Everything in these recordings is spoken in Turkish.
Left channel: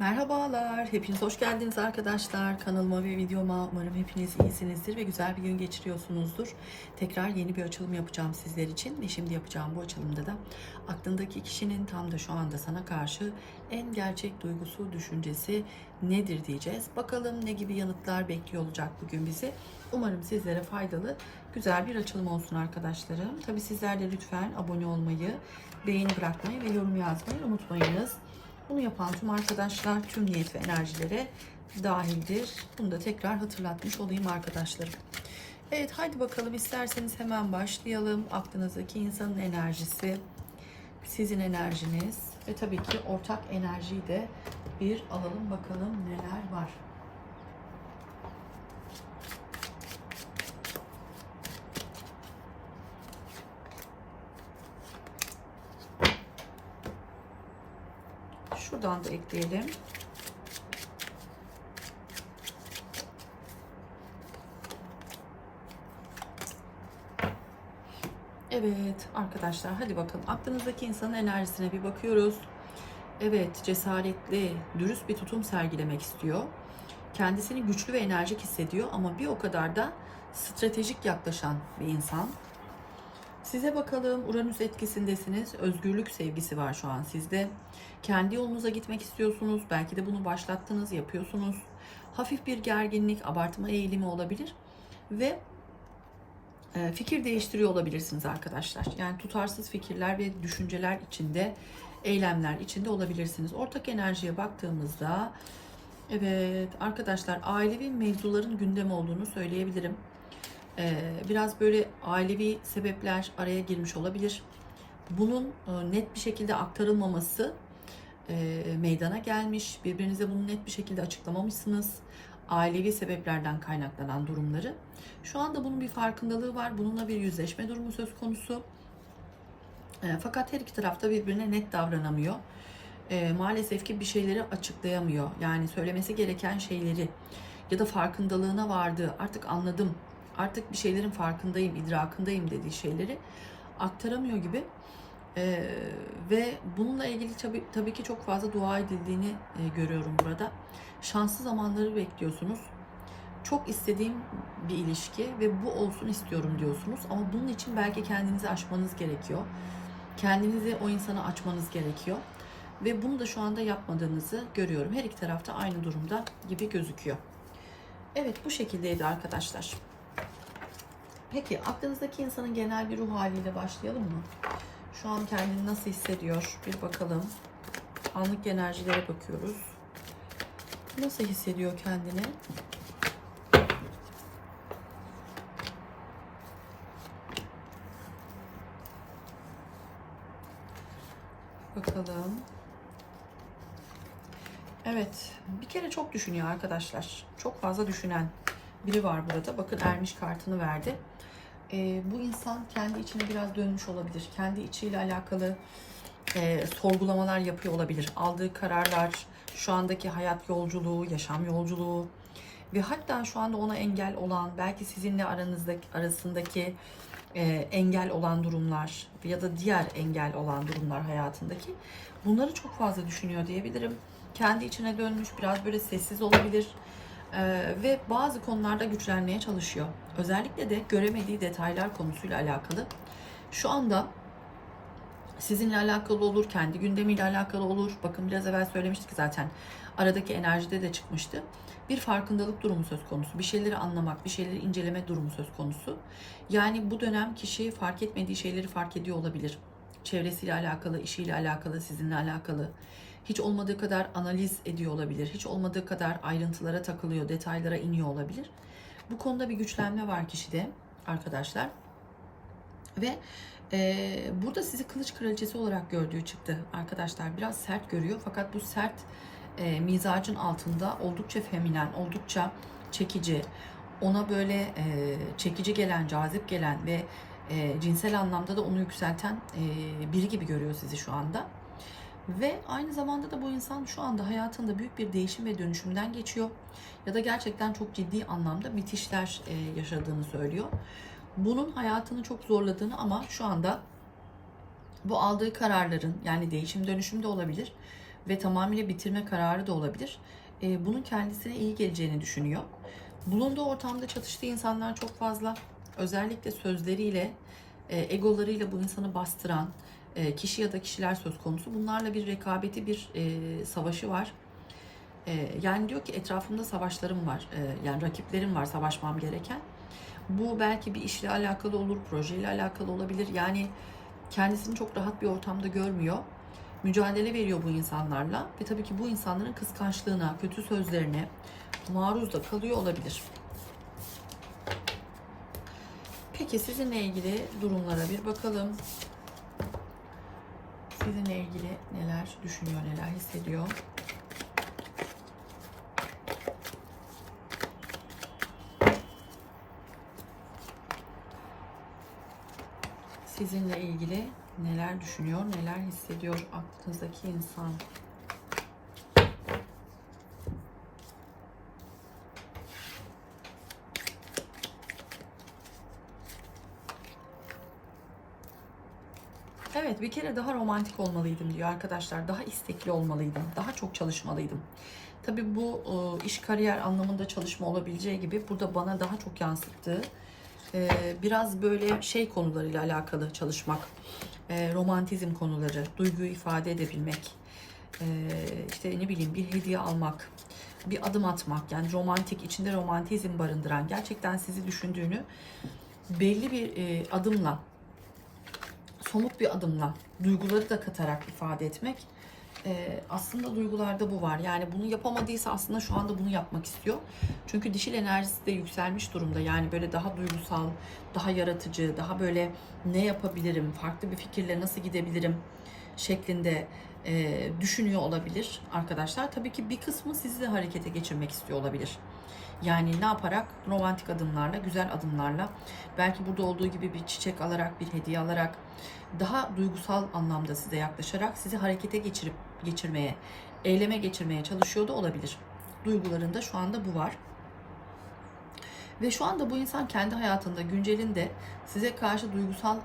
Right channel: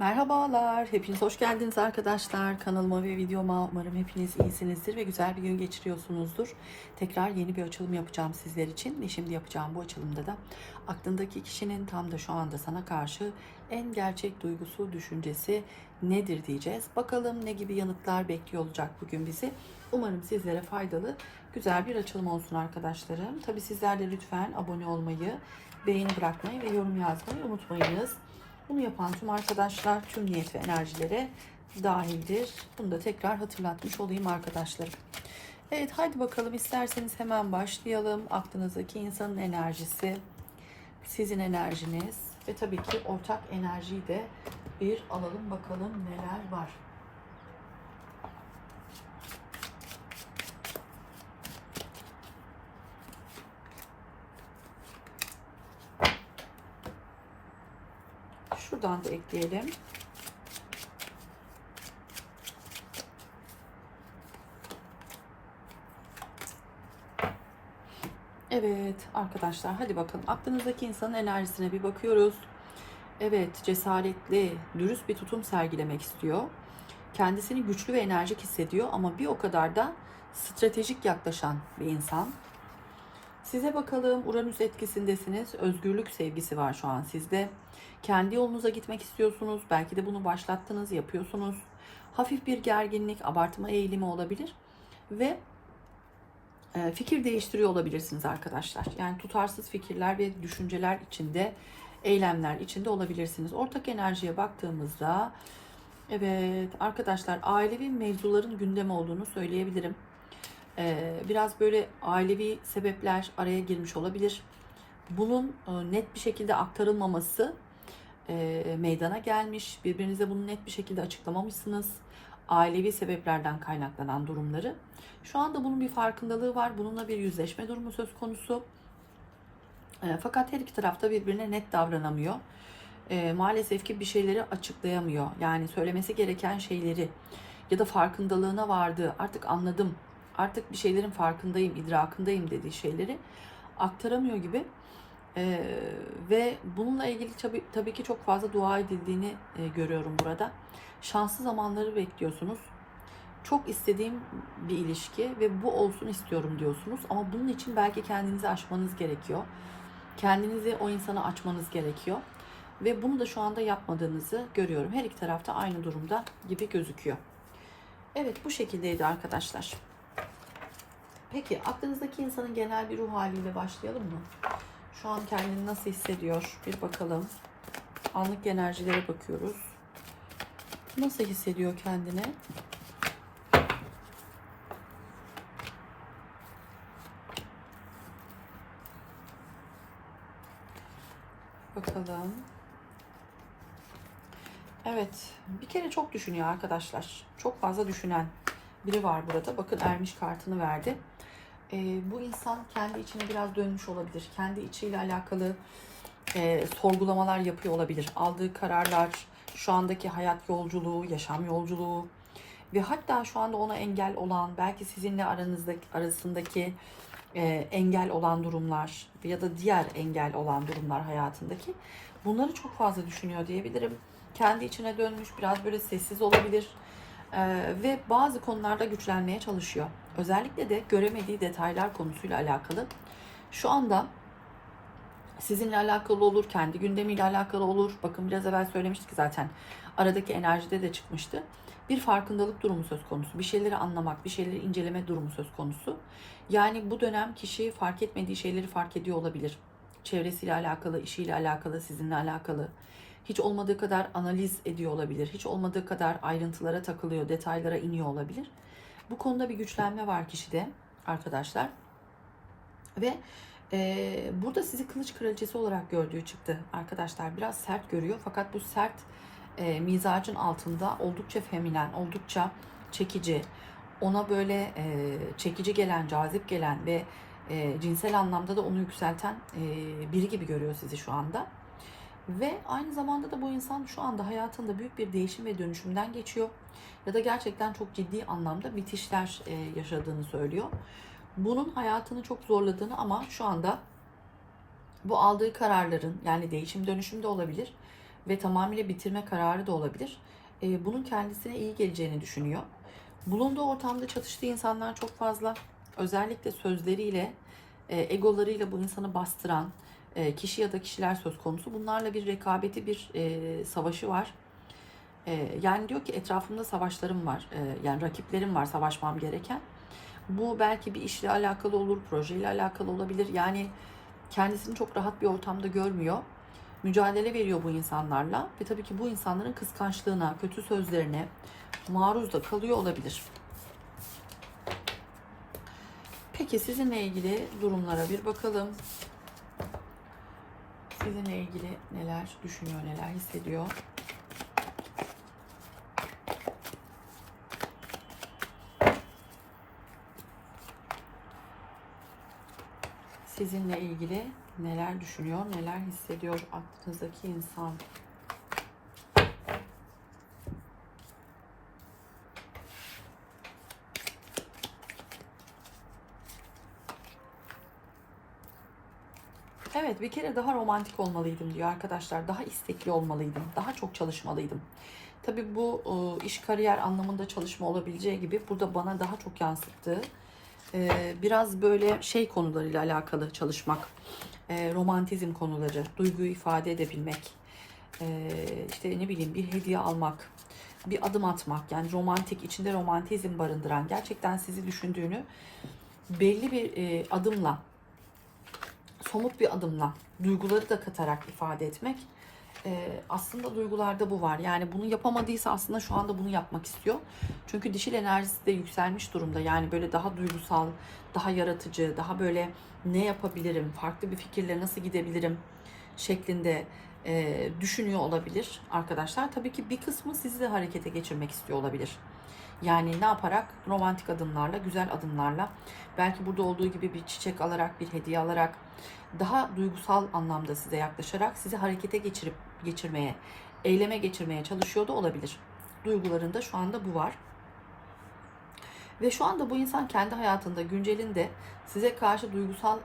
Merhabalar, hepiniz hoş geldiniz arkadaşlar. Kanalıma ve videoma umarım hepiniz iyisinizdir ve güzel bir gün geçiriyorsunuzdur. Tekrar yeni bir açılım yapacağım sizler için ve şimdi yapacağım bu açılımda da aklındaki kişinin tam da şu anda sana karşı en gerçek duygusu, düşüncesi nedir diyeceğiz. Bakalım ne gibi yanıtlar bekliyor olacak bugün bizi. Umarım sizlere faydalı, güzel bir açılım olsun arkadaşlarım. Tabii sizler de lütfen abone olmayı, beğeni bırakmayı ve yorum yazmayı unutmayınız. Bunu yapan tüm arkadaşlar tüm niyet ve enerjilere dahildir. Bunu da tekrar hatırlatmış olayım arkadaşlarım. Evet hadi bakalım isterseniz hemen başlayalım. Aklınızdaki insanın enerjisi, sizin enerjiniz ve tabii ki ortak enerjiyi de bir alalım bakalım neler var. Şuradan da ekleyelim. Evet arkadaşlar hadi bakalım aklınızdaki insanın enerjisine bir bakıyoruz. Evet cesaretli, dürüst bir tutum sergilemek istiyor. Kendisini güçlü ve enerjik hissediyor ama bir o kadar da stratejik yaklaşan bir insan. Size bakalım Uranüs etkisindesiniz. Özgürlük sevgisi var şu an sizde. Kendi yolunuza gitmek istiyorsunuz. Belki de bunu başlattınız, yapıyorsunuz. Hafif bir gerginlik, abartma eğilimi olabilir. Ve e, fikir değiştiriyor olabilirsiniz arkadaşlar. Yani tutarsız fikirler ve düşünceler içinde, eylemler içinde olabilirsiniz. Ortak enerjiye baktığımızda evet arkadaşlar ailevi mevzuların gündem olduğunu söyleyebilirim. Ee, biraz böyle ailevi sebepler araya girmiş olabilir. Bunun e, net bir şekilde aktarılmaması e, meydana gelmiş. Birbirinize bunu net bir şekilde açıklamamışsınız. Ailevi sebeplerden kaynaklanan durumları. Şu anda bunun bir farkındalığı var. Bununla bir yüzleşme durumu söz konusu. E, fakat her iki tarafta birbirine net davranamıyor. Maalesef ki bir şeyleri açıklayamıyor. Yani söylemesi gereken şeyleri ya da farkındalığına vardı. Artık anladım. Artık bir şeylerin farkındayım, idrakındayım dediği şeyleri aktaramıyor gibi. Ee, ve bununla ilgili tabii, tabii ki çok fazla dua edildiğini e, görüyorum burada. Şanslı zamanları bekliyorsunuz. Çok istediğim bir ilişki ve bu olsun istiyorum diyorsunuz. Ama bunun için belki kendinizi aşmanız gerekiyor. Kendinizi o insana açmanız gerekiyor. Ve bunu da şu anda yapmadığınızı görüyorum. Her iki tarafta aynı durumda gibi gözüküyor. Evet bu şekildeydi arkadaşlar. Peki aklınızdaki insanın genel bir ruh haliyle başlayalım mı? Şu an kendini nasıl hissediyor? Bir bakalım. Anlık enerjilere bakıyoruz. Nasıl hissediyor kendini? Bakalım. Evet. Bir kere çok düşünüyor arkadaşlar. Çok fazla düşünen biri var burada. Bakın ermiş kartını verdi. Ee, bu insan kendi içine biraz dönmüş olabilir. Kendi içiyle alakalı e, sorgulamalar yapıyor olabilir. Aldığı kararlar, şu andaki hayat yolculuğu, yaşam yolculuğu ve hatta şu anda ona engel olan, belki sizinle aranızdaki arasındaki e, engel olan durumlar ya da diğer engel olan durumlar hayatındaki bunları çok fazla düşünüyor diyebilirim. Kendi içine dönmüş, biraz böyle sessiz olabilir ve bazı konularda güçlenmeye çalışıyor. Özellikle de göremediği detaylar konusuyla alakalı. Şu anda sizinle alakalı olur, kendi gündemiyle alakalı olur. Bakın biraz evvel söylemiştik zaten. Aradaki enerjide de çıkmıştı. Bir farkındalık durumu söz konusu. Bir şeyleri anlamak, bir şeyleri inceleme durumu söz konusu. Yani bu dönem kişi fark etmediği şeyleri fark ediyor olabilir. Çevresiyle alakalı, işiyle alakalı, sizinle alakalı hiç olmadığı kadar analiz ediyor olabilir. Hiç olmadığı kadar ayrıntılara takılıyor, detaylara iniyor olabilir. Bu konuda bir güçlenme var kişide arkadaşlar. Ve e, burada sizi kılıç kraliçesi olarak gördüğü çıktı arkadaşlar. Biraz sert görüyor fakat bu sert e, mizacın altında oldukça feminen, oldukça çekici, ona böyle e, çekici gelen, cazip gelen ve e, cinsel anlamda da onu yükselten e, biri gibi görüyor sizi şu anda. Ve aynı zamanda da bu insan şu anda hayatında büyük bir değişim ve dönüşümden geçiyor. Ya da gerçekten çok ciddi anlamda bitişler e, yaşadığını söylüyor. Bunun hayatını çok zorladığını ama şu anda bu aldığı kararların yani değişim dönüşüm de olabilir. ve tamamıyla bitirme kararı da olabilir. E, bunun kendisine iyi geleceğini düşünüyor. Bulunduğu ortamda çatıştığı insanlar çok fazla. Özellikle sözleriyle, e, egolarıyla bu insanı bastıran e, kişi ya da kişiler söz konusu. Bunlarla bir rekabeti, bir e, savaşı var. E, yani diyor ki etrafımda savaşlarım var. Yani rakiplerim var savaşmam gereken. Bu belki bir işle alakalı olur, projeyle alakalı olabilir. Yani kendisini çok rahat bir ortamda görmüyor. Mücadele veriyor bu insanlarla ve tabii ki bu insanların kıskançlığına, kötü sözlerine maruz da kalıyor olabilir. Peki sizinle ilgili durumlara bir bakalım. Sizinle ilgili neler düşünüyor, neler hissediyor? Sizinle ilgili neler düşünüyor, neler hissediyor aklınızdaki insan? Evet bir kere daha romantik olmalıydım diyor arkadaşlar. Daha istekli olmalıydım. Daha çok çalışmalıydım. Tabii bu e, iş kariyer anlamında çalışma olabileceği gibi burada bana daha çok yansıttığı e, biraz böyle şey konularıyla alakalı çalışmak. E, romantizm konuları, duyguyu ifade edebilmek. İşte ne bileyim bir hediye almak, bir adım atmak. Yani romantik, içinde romantizm barındıran, gerçekten sizi düşündüğünü belli bir adımla somut bir adımla duyguları da katarak ifade etmek. Ee, aslında duygularda bu var. Yani bunu yapamadıysa aslında şu anda bunu yapmak istiyor. Çünkü dişil enerjisi de yükselmiş durumda. Yani böyle daha duygusal, daha yaratıcı, daha böyle ne yapabilirim, farklı bir fikirle nasıl gidebilirim şeklinde e, düşünüyor olabilir arkadaşlar. Tabii ki bir kısmı sizi de harekete geçirmek istiyor olabilir. Yani ne yaparak? Romantik adımlarla, güzel adımlarla, belki burada olduğu gibi bir çiçek alarak, bir hediye alarak, daha duygusal anlamda size yaklaşarak sizi harekete geçirip geçirmeye, eyleme geçirmeye çalışıyor da olabilir. Duygularında şu anda bu var. Ve şu anda bu insan kendi hayatında, güncelinde size karşı duygusal e,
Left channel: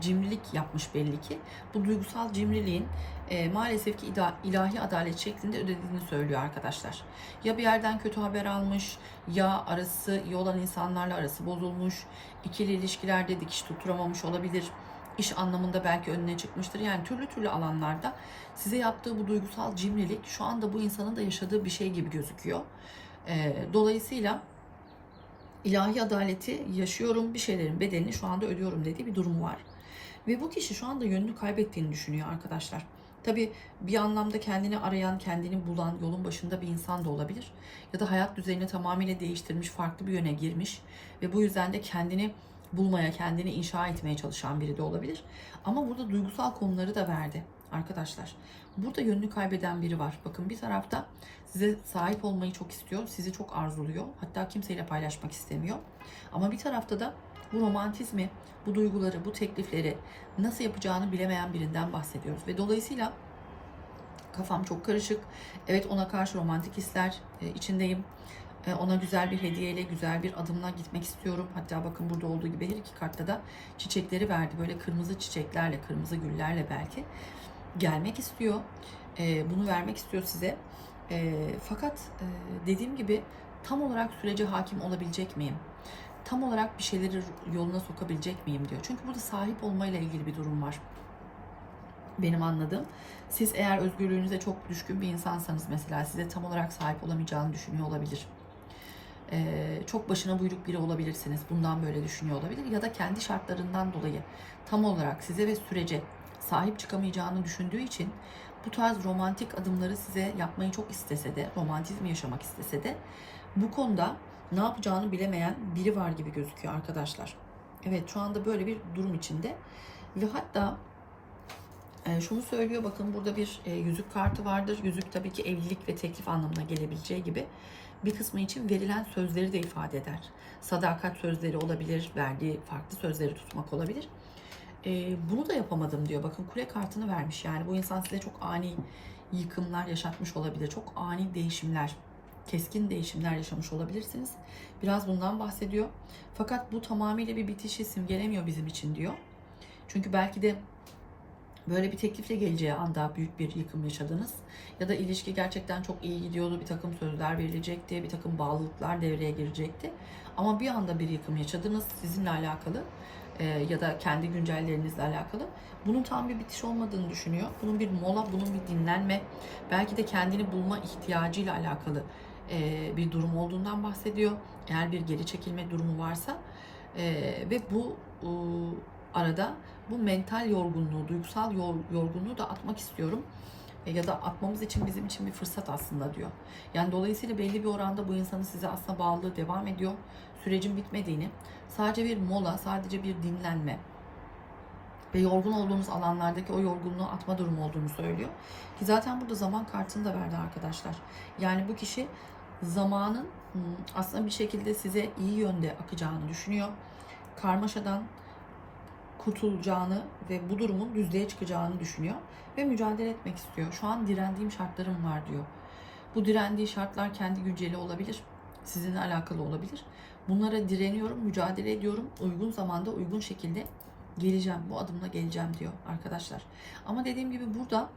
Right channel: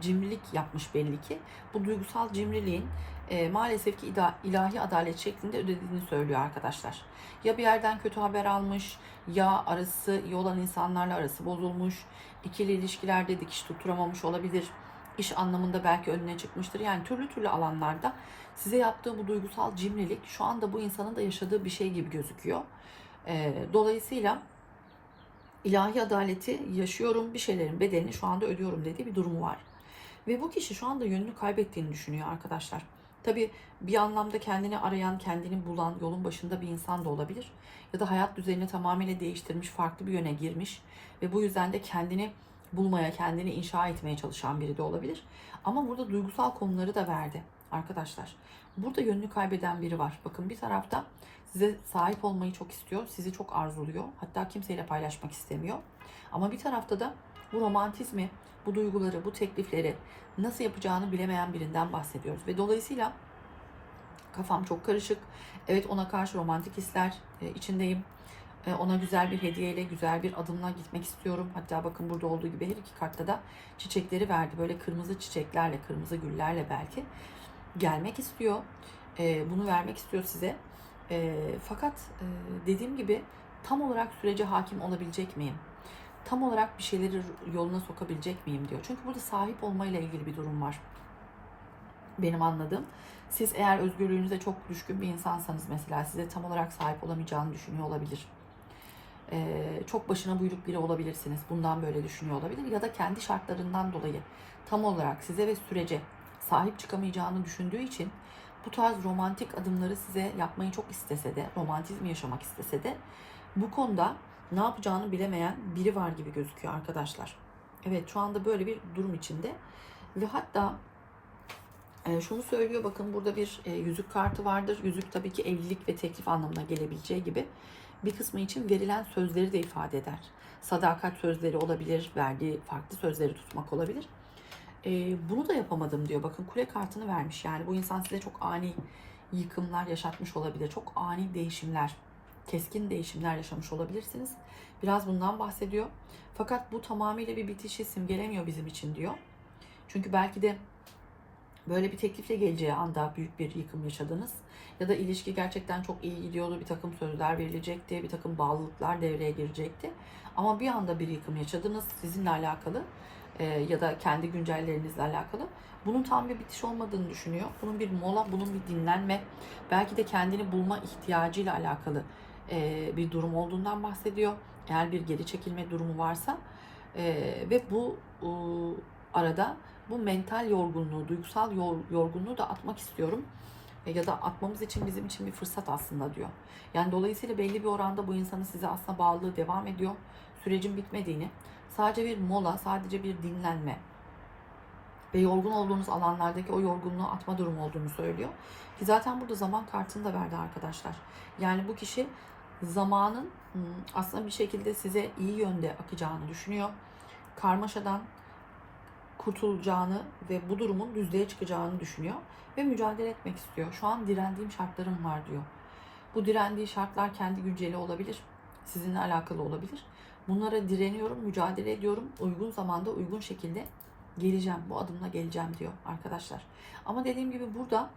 cimrilik yapmış belli ki. Bu duygusal cimriliğin e, maalesef ki ida, ilahi adalet şeklinde ödediğini söylüyor arkadaşlar. Ya bir yerden kötü haber almış, ya arası iyi olan insanlarla arası bozulmuş, ikili ilişkilerde dikiş tutturamamış olabilir iş anlamında belki önüne çıkmıştır. Yani türlü türlü alanlarda size yaptığı bu duygusal cimrilik şu anda bu insanın da yaşadığı bir şey gibi gözüküyor. Ee, dolayısıyla ilahi adaleti yaşıyorum, bir şeylerin bedelini şu anda ödüyorum dediği bir durumu var. Ve bu kişi şu anda yönünü kaybettiğini düşünüyor arkadaşlar. Tabi bir anlamda kendini arayan, kendini bulan, yolun başında bir insan da olabilir. Ya da hayat düzenini tamamıyla değiştirmiş, farklı bir yöne girmiş ve bu yüzden de kendini bulmaya, kendini inşa etmeye çalışan biri de olabilir. Ama burada duygusal konuları da verdi arkadaşlar. Burada yönünü kaybeden biri var. Bakın bir tarafta size sahip olmayı çok istiyor, sizi çok arzuluyor. Hatta kimseyle paylaşmak istemiyor. Ama bir tarafta da bu romantizmi, bu duyguları, bu teklifleri nasıl yapacağını bilemeyen birinden bahsediyoruz. Ve dolayısıyla kafam çok karışık. Evet ona karşı romantik hisler e, içindeyim. E, ona güzel bir hediyeyle, güzel bir adımla gitmek istiyorum. Hatta bakın burada olduğu gibi her iki kartta da çiçekleri verdi. Böyle kırmızı çiçeklerle, kırmızı güllerle belki gelmek istiyor. E, bunu vermek istiyor size. E, fakat dediğim gibi tam olarak sürece hakim olabilecek miyim? Tam olarak bir şeyleri yoluna sokabilecek miyim diyor. Çünkü burada sahip olmayla ilgili bir durum var. Benim anladığım. Siz eğer özgürlüğünüze çok düşkün bir insansanız mesela size tam olarak sahip olamayacağını düşünüyor olabilir çok başına buyruk biri olabilirsiniz. Bundan böyle düşünüyor olabilir. Ya da kendi şartlarından dolayı tam olarak size ve sürece sahip çıkamayacağını düşündüğü için bu tarz romantik adımları size yapmayı çok istese de, romantizm yaşamak istese de bu konuda ne yapacağını bilemeyen biri var gibi gözüküyor arkadaşlar. Evet şu anda böyle bir durum içinde ve hatta e, şunu söylüyor bakın burada bir e, yüzük kartı vardır. Yüzük tabii ki evlilik ve teklif anlamına gelebileceği gibi bir kısmı için verilen sözleri de ifade eder. Sadakat sözleri olabilir, verdiği farklı sözleri tutmak olabilir. E, bunu da yapamadım diyor. Bakın kule kartını vermiş. Yani bu insan size çok ani yıkımlar yaşatmış olabilir. Çok ani değişimler, keskin değişimler yaşamış olabilirsiniz. Biraz bundan bahsediyor. Fakat bu tamamıyla bir bitişi simgelemiyor bizim için diyor. Çünkü belki de böyle bir teklifle geleceği anda büyük bir yıkım yaşadınız. Ya da ilişki gerçekten çok iyi gidiyordu. Bir takım sözler verilecekti. Bir takım bağlılıklar devreye girecekti. Ama bir anda bir yıkım yaşadınız sizinle alakalı e, ya da kendi güncellerinizle alakalı. Bunun tam bir bitiş olmadığını düşünüyor. Bunun bir mola, bunun bir dinlenme, belki de kendini bulma ihtiyacıyla alakalı e, bir durum olduğundan bahsediyor. Eğer bir geri çekilme durumu varsa e, ve bu e, arada bu mental yorgunluğu, duygusal yor- yorgunluğu da atmak istiyorum. E, ya da atmamız için bizim için bir fırsat aslında diyor. Yani dolayısıyla belli bir oranda bu insanın size aslında bağlılığı devam ediyor. Sürecin bitmediğini, sadece bir mola, sadece bir dinlenme ve yorgun olduğunuz alanlardaki o yorgunluğu atma durumu olduğunu söylüyor. Ki zaten burada zaman kartını da verdi arkadaşlar. Yani bu kişi zamanın aslında bir şekilde size iyi yönde akacağını düşünüyor. Karmaşadan kurtulacağını ve bu durumun düzlüğe çıkacağını düşünüyor ve mücadele etmek istiyor. Şu an direndiğim şartlarım var diyor. Bu direndiği şartlar kendi günceli olabilir. Sizinle alakalı olabilir. Bunlara direniyorum, mücadele ediyorum. Uygun zamanda, uygun şekilde geleceğim. Bu adımla geleceğim diyor arkadaşlar. Ama dediğim gibi burada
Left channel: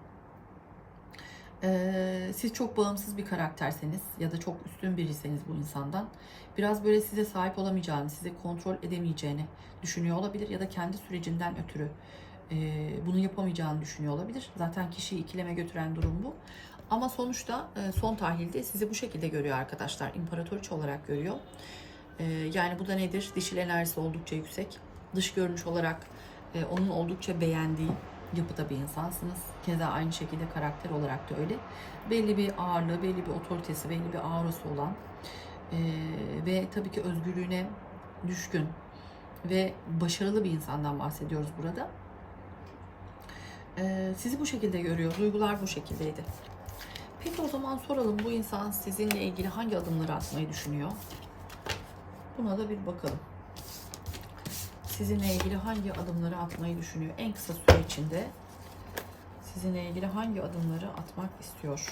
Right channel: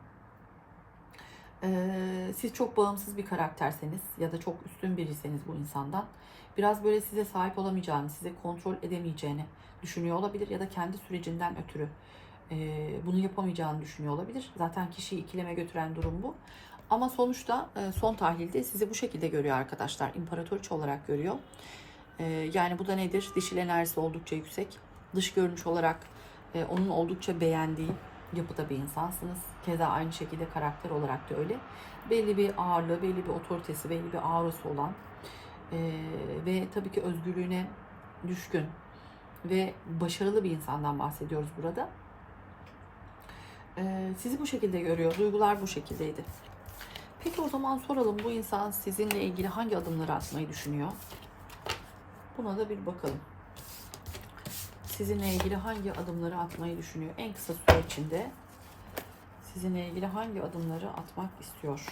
eee, siz çok bağımsız bir karakterseniz ya da çok üstün biriyseniz bu insandan biraz böyle size sahip olamayacağını, size kontrol edemeyeceğini düşünüyor olabilir ya da kendi sürecinden ötürü eee, bunu yapamayacağını düşünüyor olabilir. Zaten kişiyi ikileme götüren durum bu. Ama sonuçta e, son tahlilde sizi bu şekilde görüyor arkadaşlar. İmparatoriçe olarak görüyor. E, Yani bu da nedir? Dişil enerjisi oldukça yüksek. Dış görünüş olarak e, onun oldukça beğendiği yapıda bir insansınız. Keza aynı şekilde karakter olarak da öyle. Belli bir ağırlığı, belli bir otoritesi, belli bir aurası olan e, ve tabii ki özgürlüğüne düşkün ve başarılı bir insandan bahsediyoruz burada. E, Sizi bu şekilde görüyor. Duygular bu şekildeydi. Peki o zaman soralım bu insan sizinle ilgili hangi adımları atmayı düşünüyor? Buna da bir bakalım. Sizinle ilgili hangi adımları atmayı düşünüyor? En kısa süre içinde sizinle ilgili hangi adımları atmak istiyor?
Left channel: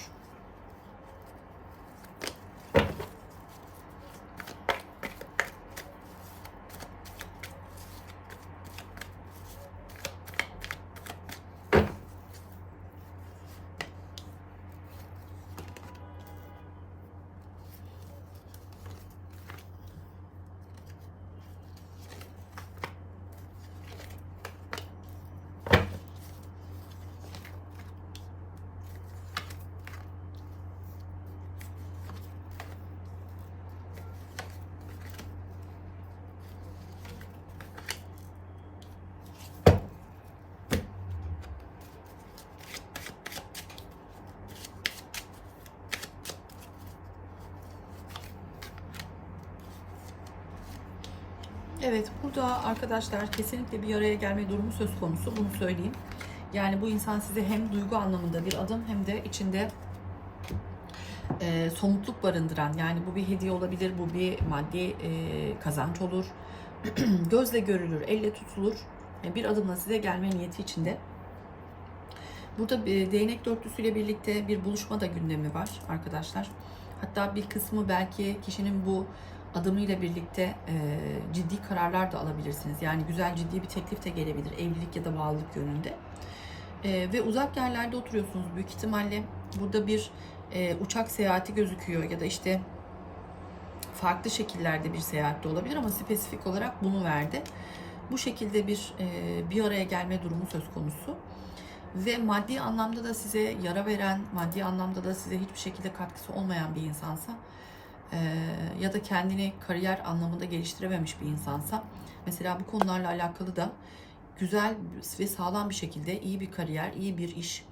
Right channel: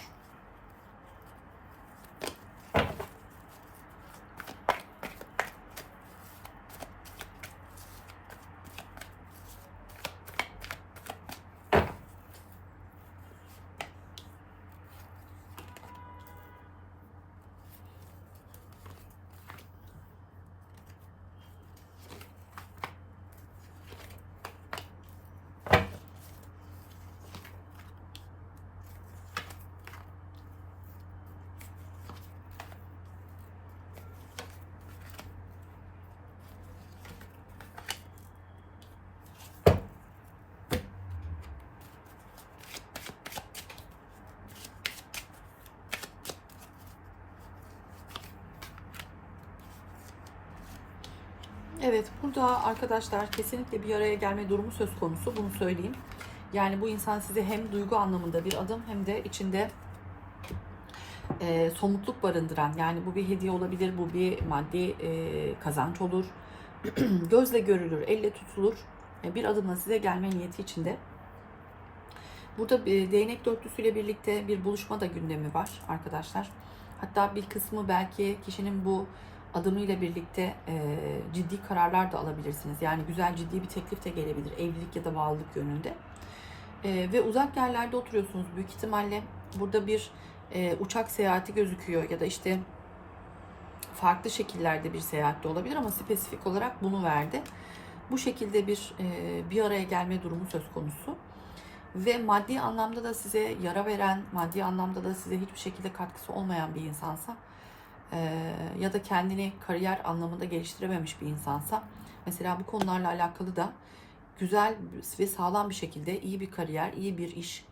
Evet, burada arkadaşlar kesinlikle bir araya gelme durumu söz konusu. Bunu söyleyeyim. Yani bu insan size hem duygu anlamında bir adım hem de içinde e, somutluk barındıran yani bu bir hediye olabilir, bu bir maddi e, kazanç olur. Gözle görülür, elle tutulur. E, bir adımla size gelme niyeti içinde. Burada bir değnek dörtlüsüyle birlikte bir buluşma da gündemi var arkadaşlar. Hatta bir kısmı belki kişinin bu adımıyla birlikte e, ciddi kararlar da alabilirsiniz. Yani güzel ciddi bir teklif de gelebilir evlilik ya da bağlılık yönünde. E, ve uzak yerlerde oturuyorsunuz büyük ihtimalle. Burada bir e, uçak seyahati gözüküyor ya da işte farklı şekillerde bir seyahat de olabilir ama spesifik olarak bunu verdi. Bu şekilde bir e, bir araya gelme durumu söz konusu. Ve maddi anlamda da size yara veren, maddi anlamda da size hiçbir şekilde katkısı olmayan bir insansa ya da kendini kariyer anlamında geliştirememiş bir insansa mesela bu konularla alakalı da güzel ve sağlam bir şekilde iyi bir kariyer, iyi bir iş,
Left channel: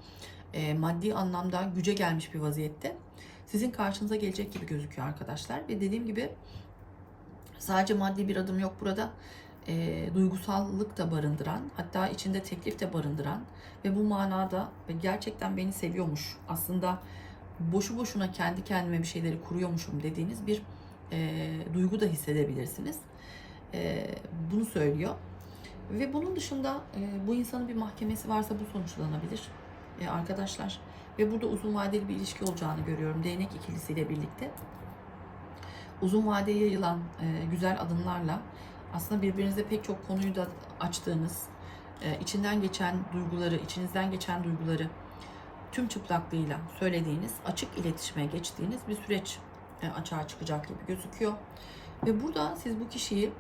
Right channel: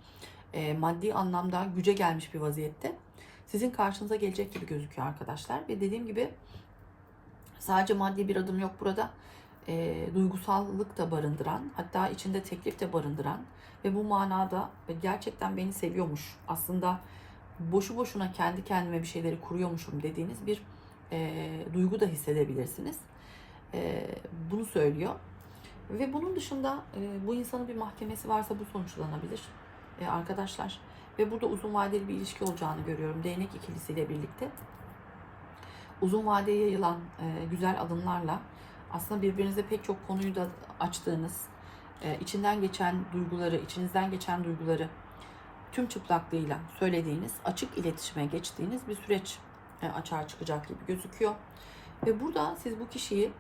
e, maddi anlamda güce gelmiş bir vaziyette sizin karşınıza gelecek gibi gözüküyor arkadaşlar. Ve dediğim gibi sadece maddi bir adım yok burada. E, duygusallık da barındıran, hatta içinde teklif de barındıran ve bu manada gerçekten beni seviyormuş. Aslında boşu boşuna kendi kendime bir şeyleri kuruyormuşum dediğiniz bir e, duygu da hissedebilirsiniz. E, bunu söylüyor. Ve bunun dışında e, bu insanın bir mahkemesi varsa bu sonuçlanabilir e, arkadaşlar. Ve burada uzun vadeli bir ilişki olacağını görüyorum. Değnek ikilisiyle birlikte. Uzun vadeye yayılan e, güzel adımlarla aslında birbirinize pek çok konuyu da açtığınız, e, içinden geçen duyguları, içinizden geçen duyguları tüm çıplaklığıyla söylediğiniz, açık iletişime geçtiğiniz bir süreç e, açığa çıkacak gibi gözüküyor. Ve burada siz bu kişiyi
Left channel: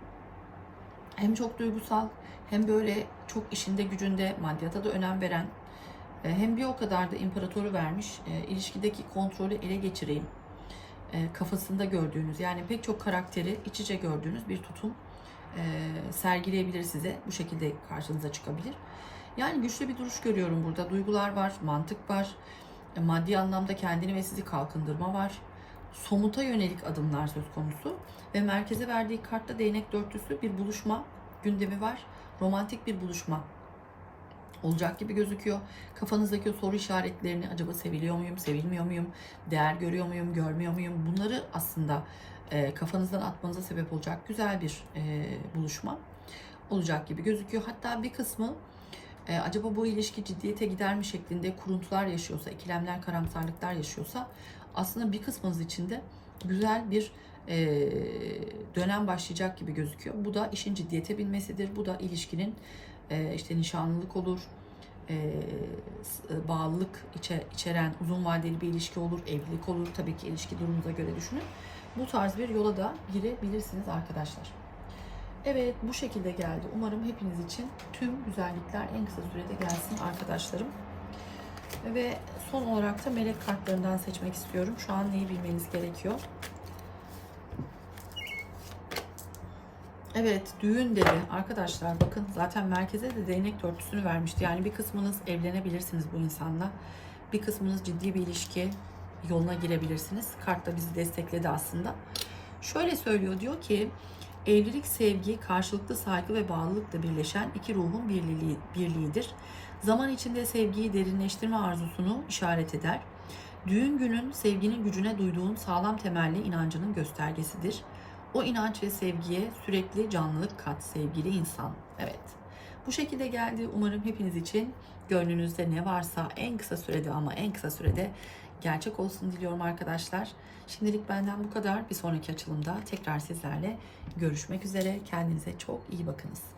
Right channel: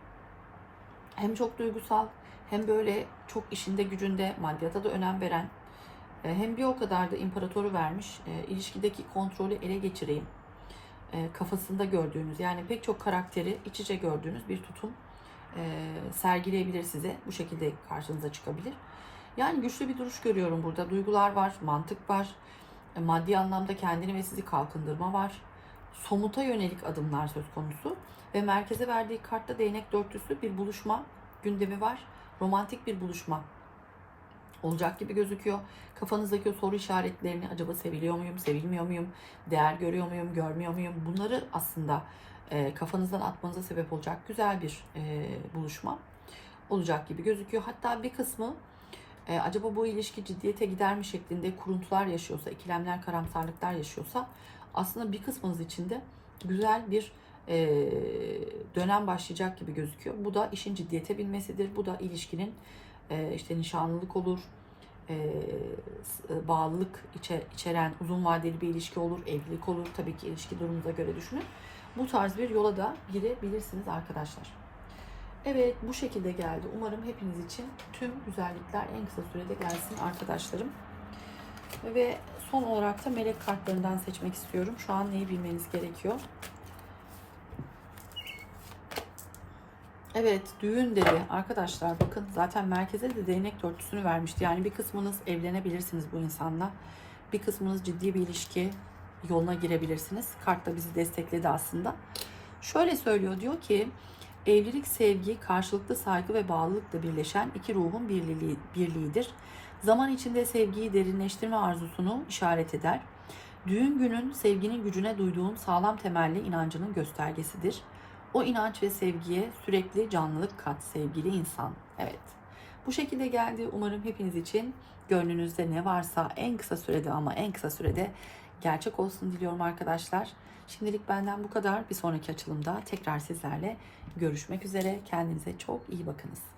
hem çok duygusal hem böyle çok işinde gücünde maddiyata da önem veren e, hem bir o kadar da imparatoru vermiş e, ilişkideki kontrolü ele geçireyim kafasında gördüğünüz yani pek çok karakteri iç içe gördüğünüz bir tutum sergileyebilir size. Bu şekilde karşınıza çıkabilir. Yani güçlü bir duruş görüyorum burada. Duygular var, mantık var, e, maddi anlamda kendini ve sizi kalkındırma var. Somuta yönelik adımlar söz konusu. Ve merkeze verdiği kartta değnek dörtlüsü bir buluşma gündemi var. Romantik bir buluşma olacak gibi gözüküyor. Kafanızdaki o soru işaretlerini acaba seviliyor muyum, sevilmiyor muyum, değer görüyor muyum, görmüyor muyum? Bunları aslında e, kafanızdan atmanıza sebep olacak güzel bir e, buluşma olacak gibi gözüküyor. Hatta bir kısmı e, acaba bu ilişki ciddiyete gider mi şeklinde kuruntular yaşıyorsa, ikilemler, karamsarlıklar yaşıyorsa aslında bir kısmınız için de güzel bir e, dönem başlayacak gibi gözüküyor. Bu da işin ciddiyete binmesidir. Bu da ilişkinin e, işte nişanlılık olur, e, s- bağlılık içe, içeren uzun vadeli bir ilişki olur, evlilik olur. Tabii ki ilişki durumunuza göre düşünün. Bu tarz bir yola da girebilirsiniz arkadaşlar. Evet bu şekilde geldi. Umarım hepiniz için tüm güzellikler en kısa sürede gelsin arkadaşlarım. Ve son olarak da melek kartlarından seçmek istiyorum. Şu an neyi bilmeniz gerekiyor? Evet düğün dedi arkadaşlar bakın zaten merkeze de değnek dörtlüsünü vermişti. Yani bir kısmınız evlenebilirsiniz bu insanla. Bir kısmınız ciddi bir ilişki yoluna girebilirsiniz. Kart da bizi destekledi aslında. Şöyle söylüyor diyor ki evlilik sevgi, karşılıklı saygı ve bağlılıkla birleşen iki ruhun birliği, birliğidir. Zaman içinde sevgiyi derinleştirme arzusunu işaret eder. Düğün günün sevginin gücüne duyduğun sağlam temelli inancının göstergesidir. O inanç ve sevgiye sürekli canlılık kat sevgili insan. Evet. Bu şekilde geldi. Umarım hepiniz için gönlünüzde ne varsa en kısa sürede ama en kısa sürede gerçek olsun diliyorum arkadaşlar. Şimdilik benden bu kadar. Bir sonraki açılımda tekrar sizlerle görüşmek üzere. Kendinize çok iyi bakınız.